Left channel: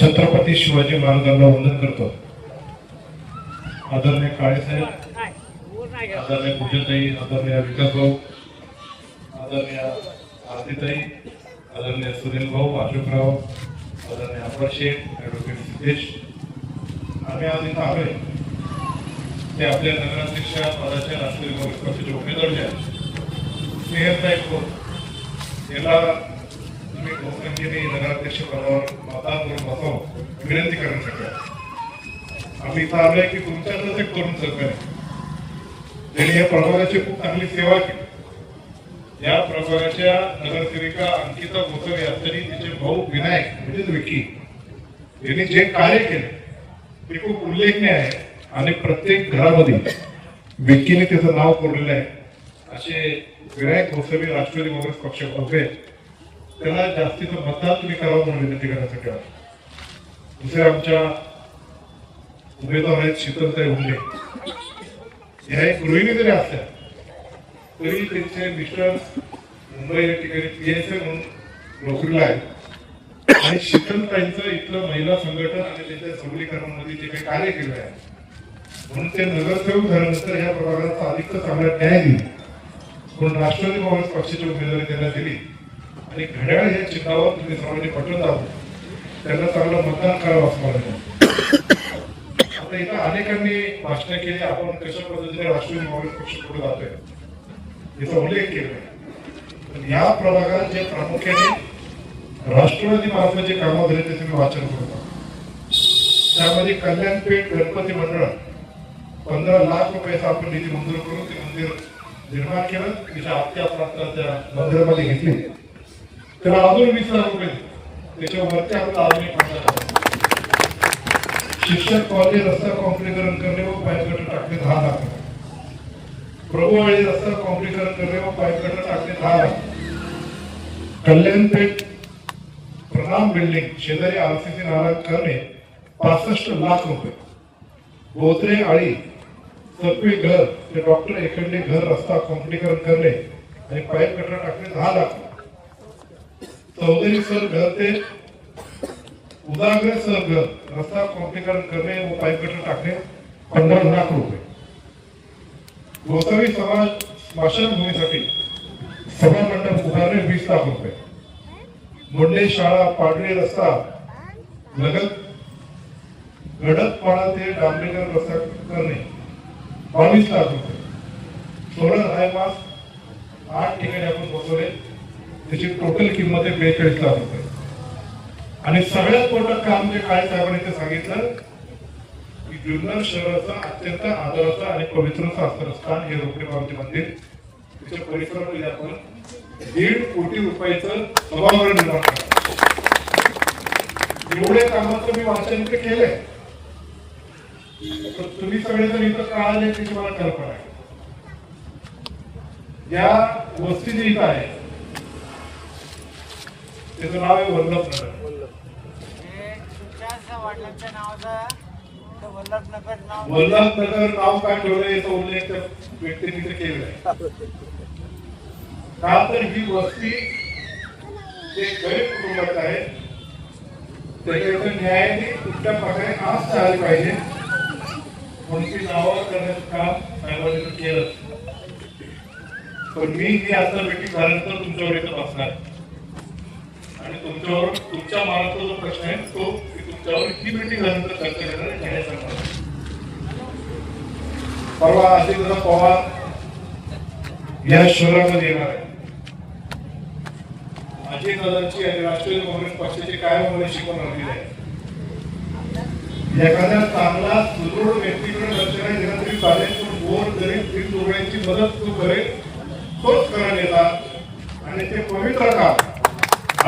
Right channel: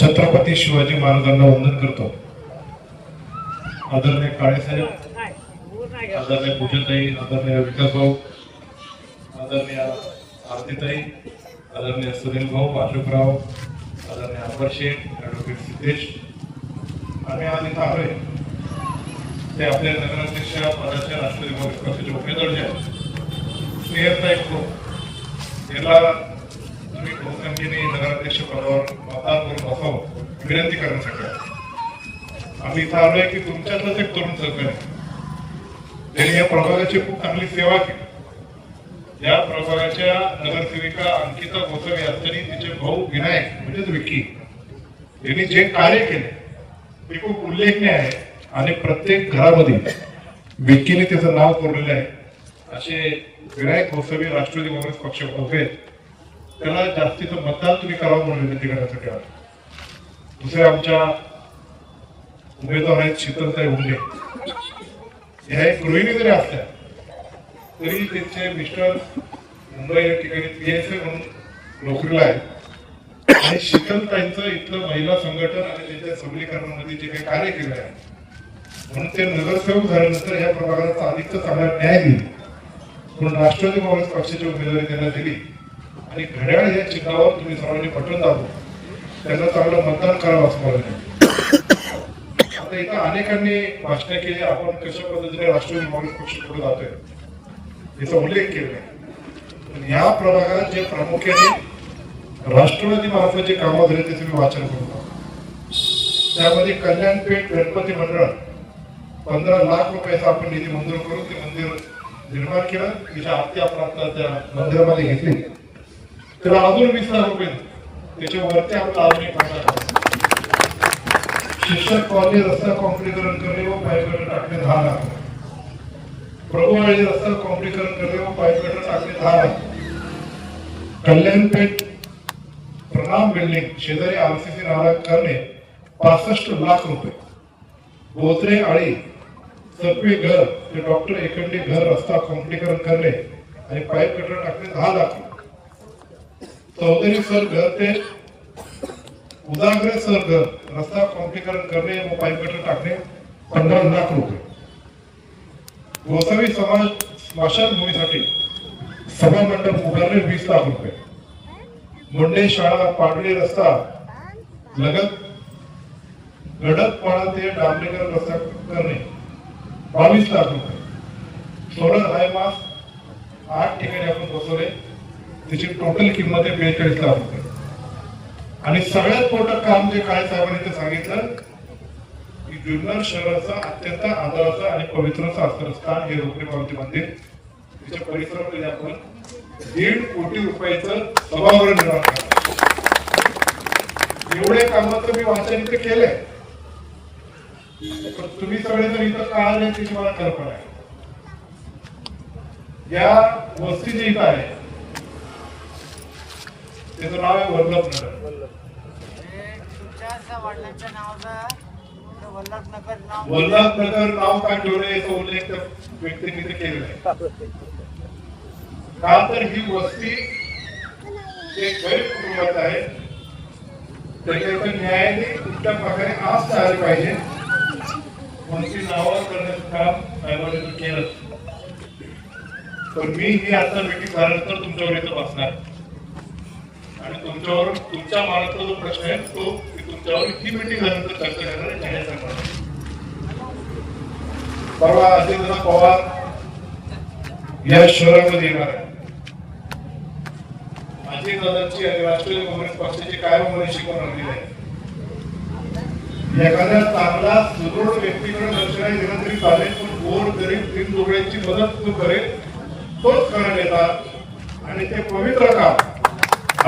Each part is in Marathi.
छत्रपती शिवाजी महाराजांना वंदन करतो. आदरणीय काळेसाहेब आदरणीय पूजनताई आदरणीय विकासभाऊ आदरणीय आरतीताई आदरणीय सुनील भाऊ अशोकराव आदरणीय अपर शेख ॲडव्होकेट सिद्धेश. आम्ही आज इथं आलोय. ते आपल्या नगराध्यक्ष पदाच्या राष्ट्रीय काँग्रेस पक्षाचे उमेदवार जे आहेत. स्नेहसाहेब खोत याला मी मुख्यमंत्री नगराध्यक्ष पदावर मतदार करून बसावं विनंती करण्यासाठी आम्ही इथं आलोय की तुमच्यातच एक तरुण सरकार त्यांनी या प्रभागाची खूप चांगली सेवा केली. या प्रभागाच्या नगरसेविका अंकिता गोसावी यांनी तिचे भाऊ विनायक म्हणजेच विकी यांनी जे कार्य केले ते खूप उल्लेखनीय आहे. आणि प्रत्येक घरामध्ये विक्कीने त्याचं नाव कोरलेलं आहे. असे विनायक गोसावी राष्ट्रवादी काँग्रेस पक्ष उभे त्याला जास्तीचं मतदान तुम्ही करावं म्हणून विनंती करण्यासाठी आलो. दुसरे आमच्या उमेदवार आहेत शीतलताई उमले या गृहिणी जरी असल्या तरी त्यांचे मिस्टर मुंबई या ठिकाणी पी एस ए म्हणून नोकरीला आहेत. आणि शीतलताईंचं इथलं महिला संघटन आणि त्यांच्या सबलीकरणामध्ये जे काही कार्य केलं आहे म्हणून ते नगरसेवक झाल्यानंतर या प्रभागाचा अधिक चांगला न्याय दिला म्हणून राष्ट्रवादी काँग्रेस पक्षाची उमेदवारी त्यांना दिली. आणि घड्याळ हे चिन्हावर तुम्ही सर्वांनी पटवून जावं त्यांना चांगलं मतदान करावं असं मला आता इथं अनेकांनी भाषण केली आपण कशा पद्धतीने राष्ट्रवादी काँग्रेस पक्ष पुढे जातोय? याचा उल्लेख केला या प्रभागात जे प्रामुख्याने राष्ट्रवादी माणसाचे कामं झाले ते तुम्ही वाचन करतो त्यामध्ये कल्याणपेठ गणपती मंडळ पंधरा लाख रुपयाचा आपण निधी मंजूर करून ते मंदिर निर्माण केलं. तिच्या आत्या प्रांताच्या मंदिरामध्ये घेतली. तर अजून वीस लाख रुपये दिले. त्याच्यावरती आपण अजून शिक्षक कॉलेज रस्ता कॉम्प्लिकरण करणे व पायपट टाकणे दहा लाख. प्रभू आणि रस्ता कॉम्प्लिकरण करणे व पायपट टाकणे दहा लाख. कल्याणपेठ प्रणाम बिल्डिंग शेजारी आरसीसी नाला करणे पासष्ट लाख रुपये. बोत्रे आळी सपवी घर ते डॉक्टर एकंडे घर रस्ता कॉम्प्लिकरण करणे आणि पाईप टाकणे दहा लाख. चौधरी सर घर ते उदाग्र सर घर. रस्ता कॉम्प्लिकरण करणे व पाईप कटर टाकणे पन्नास लाख रुपये. गोसावी समाज स्मशानभूमीसाठी सभा मंडप उभारणे वीस लाख रुपये. मुंडे शाळा पाडळी रस्ता लगत गडकपाडा ते डांबरेकर रस्ता करणे बावीस लाख रुपये. सोलर हायमास आठ ठिकाणी आपण बसवले. त्याची टोटल किंमत आहे बेचाळीस लाख रुपये. आणि सगळ्यात मोठं काम जे काय चालू आहे ते सांगितलं की जुन्नर शहराचा अत्यंत आदराचा आणि पवित्र शास्त्रस्थान हे रोकडी पावती मंदिर. त्याच्या परिसरामध्ये आपण दीड कोटी रुपयाचं सभागृह निर्माण करतो एवढे कामं तर मी वाचन केले. तुम्ही सगळे जर इथं का आले त्याची मला कल्पना आहे. या वस्ती जी इथं आहे त्याचं नाव आहे वल्लभनगर तुमच्या वडिलांच्या नावाचं वल्लभनगर नाव काय ठेवलं याचा उल्लेख व्यक्तीने तिथे केलेला आहे. का तर ही वस्ती जे गरीब कुटुंबात आहे त्याच्याकडे न्यायाने कुठल्या प्रकारे आज झालं पाहिजे. कोणती ती करण्याचं काम साहेबांनी केलं. पण मी ही आता भेटी झाल्यानंतर तुमच्यावर येत असणार आणि तुमच्यावर तुमच्या मनातला जो प्रश्न आहे तो तुमच्यावर ही मीटिंग झाल्यानंतर चर्चा करणार आहे जाहीर करणार परवा अजितदादा पवार या शहरामध्ये येणार आहे अजितदादांची आणि राष्ट्रीय काँग्रेस पक्षाची कायम मला शिकवण आलेली आहे? एखाद्या चांगला सुदृढ व्यक्तीकडे लक्ष नाही दिलं तरी चालेल पण गोर गरीब तीन डोळ्यांची मदत तो करेल तोच करायला येतात आणि ते पवित्र काम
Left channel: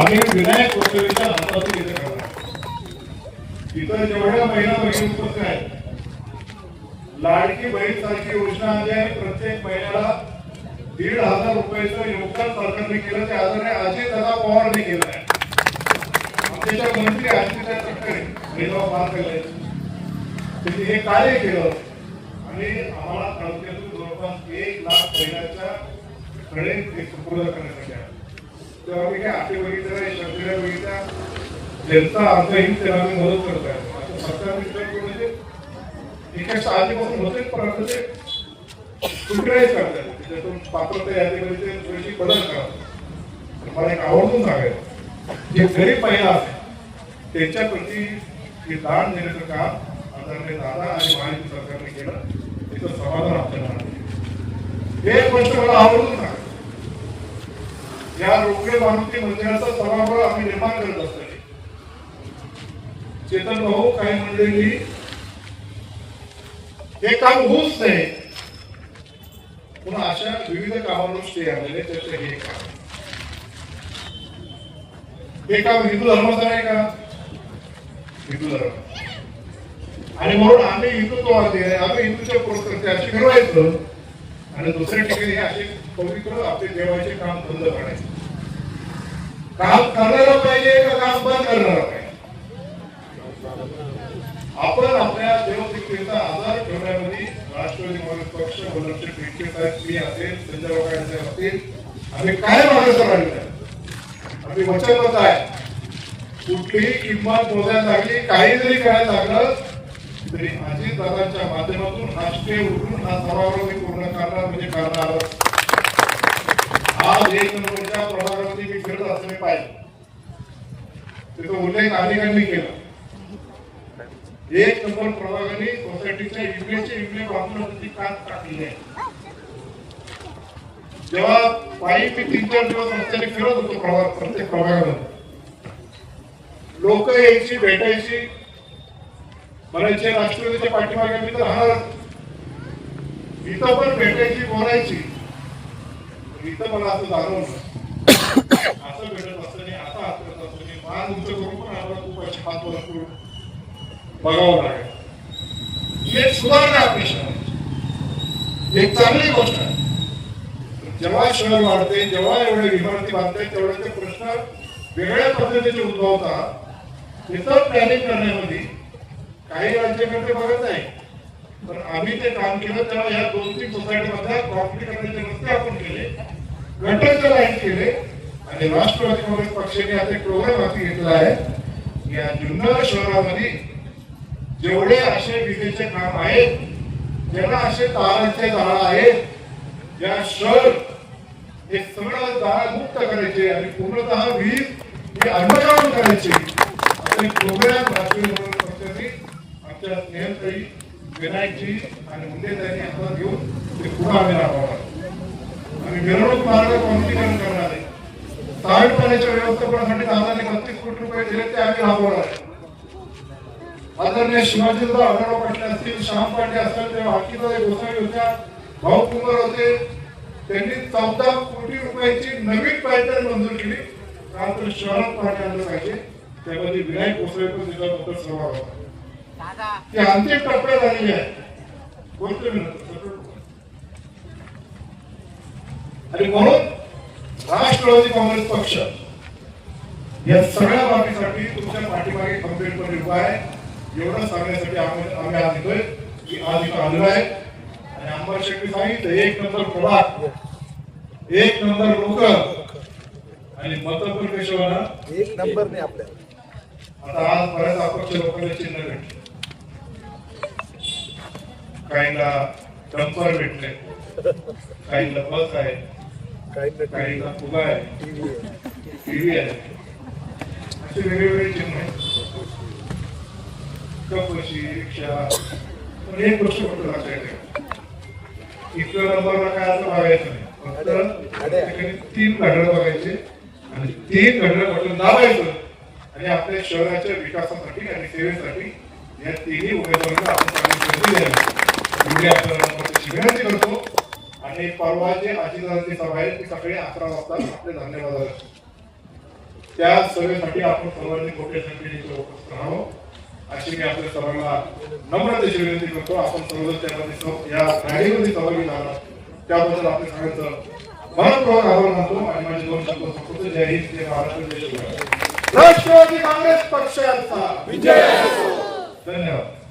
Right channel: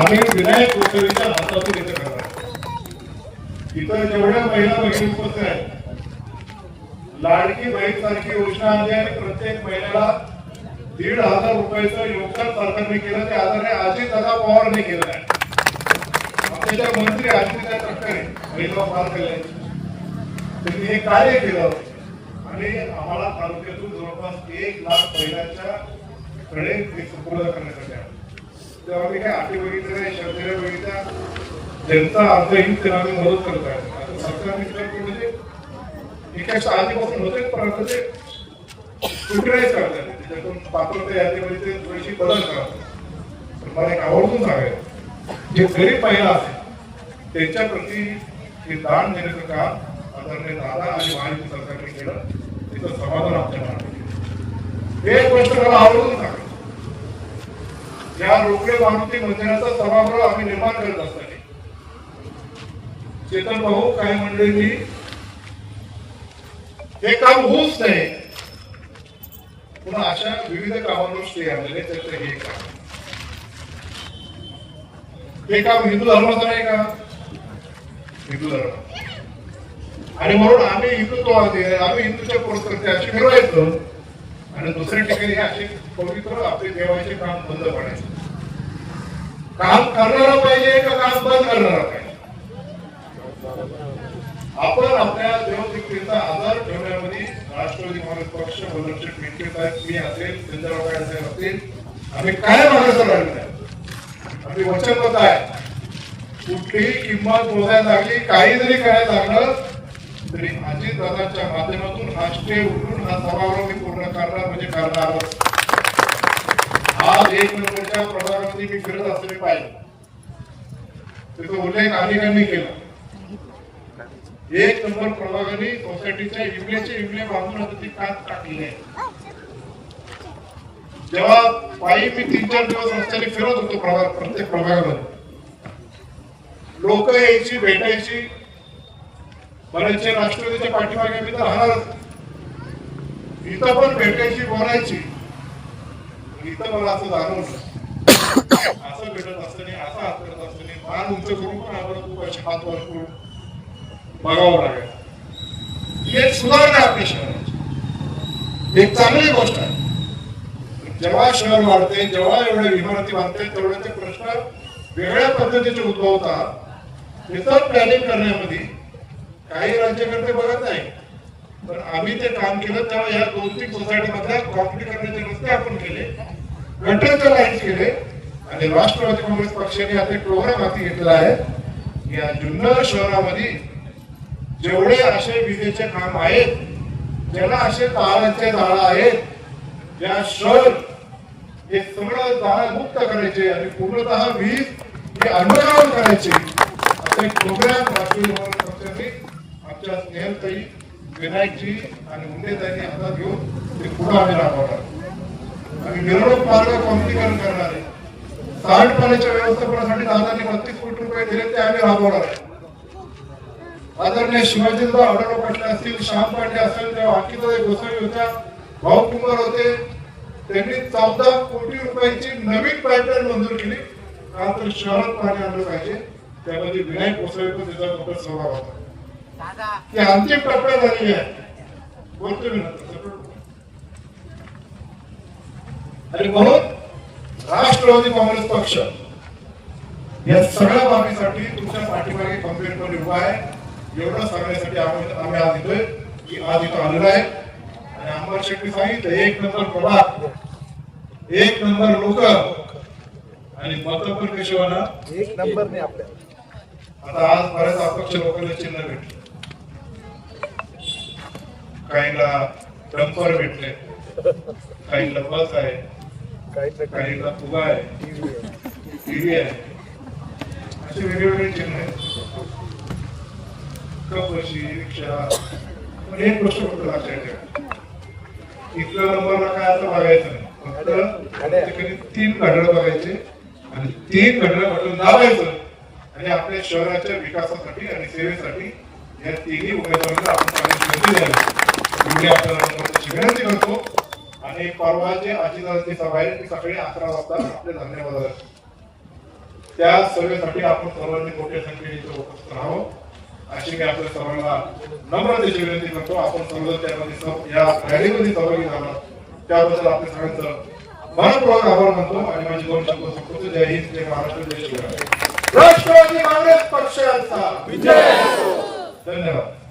आम्ही विनायक गोसावीच्या लाभार्थी इथे करणार इतर जेवढ्या महिला बहिणी उपस्थित आहेत लाडकी बहीण सारखी योजना आली आहे प्रत्येक महिन्याला दीड हजार रुपयाचं योगदान सरकारने केलं ते आदरणीय अजित दादा पवारने केलं आहे. आमच्या मंत्री अजित तटकरे महिला पार केले त्यांनी हे कार्य केलं. आणि आम्हाला तालुक्यातून जवळपास एक लाख महिलांच्या कडे ते सुपूर्द करण्यासाठी आलं. तेव्हा मी काय आठी बघितलं शब्द बघितल्या त्यांचा अर्थ ही त्यांना मी मदत करत आहे. आता सरकार म्हणजे एकाच्या आधीपासून होते परंतु ते. कुठल्याही करत आहे त्याच्यातून पात्रता यादीमध्ये ते थोडीशी बदल करतात मला एक आवर्जून सांगायचं जे गरीब महिला असते त्यांच्या प्रती हे दान देण्याचं काम आदरणीय दादा आणि महायुती सरकारने केलं. त्याचं समाधान आपल्याला एक गोष्ट मला आवडून या रोग्य मारुती मंदिराचा सभागृह आम्ही निर्माण करत असताना चेतन भाऊ काही मंडळी हे काम होऊच नाही पुन्हा अशा विविध कामांवर स्टे आलेले त्याचं हे काम. हे काम हिंदू धर्माचं आहे का? हिंदू धर्म. आणि म्हणून आम्ही हिंदुत्ववादी आहे आम्ही हिंदूच्या पुरस्कृती अशी ठरवायचं आणि दुसऱ्या ठिकाणी असे पवित्र आपले देवाचे काम बंद पडायचे. काम करणारा पाहिजे का काम बंद करणारा पाहिजे? आपण आपल्या देवदीपेचा आधार ठेवण्यामध्ये राष्ट्रवादी काँग्रेस पक्ष वनरचे पिंके साहेब मी असेल संजय गायकवाड असतील. आम्ही काय मागायचं राहिलं आम्ही वचनबद्ध आहे. कुठलीही किंमत मोजायसाठी काही जरी करायला लागलं तरी अजित दादाच्या माध्यमातून राष्ट्रीय उठून हा समारोह मी पूर्ण करणार म्हणजे करणार आज एक नंबरच्या मी फिरत असले पाहिजे त्याचा उल्लेख अनेकांनी केला. एक नंबर प्रभागाने सोसायटीच्या काच टाकली. आहे जेव्हा पायी मी तीन चार दिवस रस्त्याने फिरत होतो प्रभाग प्रत्येक प्रभागामध्ये. लोक यायची भेटायची. म्हणायचे राष्ट्रवादीच्या पाठीमागे मी तर राहणार इथं पण भेटायची बोलायची. इथं मला असं जाणवलं असं भेटत असताना असं असत असताना मान उंच करून पण आम्हाला खूप अशी हात भरपूर बघावं लागेल. ही एक सुधारणा आहे आपल्या शहराची. एक चांगली गोष्ट आहे. जेव्हा शहर वाढते जेव्हा एवढ्या इमारती बांधतात तेवढे ते प्रश्न वेगळ्या पद्धतीचे उद्भवतात. त्याचं प्लॅनिंग करण्यामध्ये काही राज्यकर्ते बघत नाही पण आम्ही ते काम केलं तेव्हा या दोन तीन सोसायटी मधल्या करण्याचे रस्ते आपण केले. गटरचे लाईन केले आणि राष्ट्रवादी काँग्रेस पक्षाने आता प्रोग्राम हाती घेतला आहे या जुन्नर शहरामध्ये जेवढे असे विजेचे काम आहेत जेवढा असे तारांचे जाळं आहेत या शहर हे सगळं जाळा मुक्त करायचे आणि पूर्णतः वीज हे अंडरग्राऊंड करायचे असे प्रोग्राम राष्ट्रीय काँग्रेस पक्षाने आमच्या स्नेहताई विनायकजी आणि मुंडेताईंनी हातात घेऊन ते पुढे आम्ही राबवणार आणि मिरवणूक मार्ग कोणतीकरण करणार आहे सांडपाण्याच्या व्यवस्थापनासाठी दादाने बत्तीस कोटी रुपये दिले ते आम्ही राबवणार आहे आदरणीय शिवाजींचा आढावा पाटील असतील श्याम पांडे असेल तेव्हा हकीकत गोसावी होत्या भाऊ कुमार होते त्यांनी चौदा कोटी रुपयाची नवीन पॅटर्न मंजूर केली. का तर शहरात पाणी आलं पाहिजे. त्यामध्ये विनायक गोसावी पण त्याचा नंतर सहभाग होता ती अंतिम टप्प्यात झालेली आहे. बोलतोय मी. आणि म्हणून राष्ट्रवादी काँग्रेस पक्ष या सगळ्या बाबीसाठी तुमच्या पाठीमागे खंबीरपणे उभा आहे. एवढं सांगण्यासाठी आम्ही आम्ही आज येतोय. की आज इथं आलेलो आहे. आणि अंबर शेट्टी सांगितलं एक नंबर प्रभाग एक नंबर लोक आणि मत पण कशी होणार एक नंबर नाही आपल्या. आता आज बऱ्याच अपक्ष लोकांना चिन्ह भेटले. काहींना डंपर भेटले. काहींना बस आहे. काही ना काहींना फुगा आहे. टीव्ही आहे. असे वेगवेगळे चिन्ह कपशी रिक्षा. पण एक गोष्ट फक्त लक्षात ठेवा नंबरला काय असं बघायचं नाही. फक्त तीन घड्याळ बघायचे आणि तीन घड्याळ बटन दाबायचं. आणि आपल्या शहराच्या विकासासाठी आणि सेवेसाठी या तिन्ही उमेदवारांना आपण आपल्याला नम्रतेची विनंती करतो. आणि परवा जे आजीदारांची सभा आहे ती सकाळी अकरा वाजता आपल्या धन्यवाद. त्या सभेसाठी आपण सर्वांनी मोठ्या संख्येने राहावं अशी मी आपल्या सर्वांना नम्रतेची विनंती करतो. आपण सर्वजण त्यामध्ये या रॅलीमध्ये सहभागी झाला. त्याबद्दल आपल्या सगळ्यांचं मनपूर्वक आभार मानतो आणि माझी दोन शब्द संपवतो. जय हिंद जय महाराष्ट्र जय शिवराय. राष्ट्रवादी काँग्रेस पक्षाचा विजय धन्यवाद.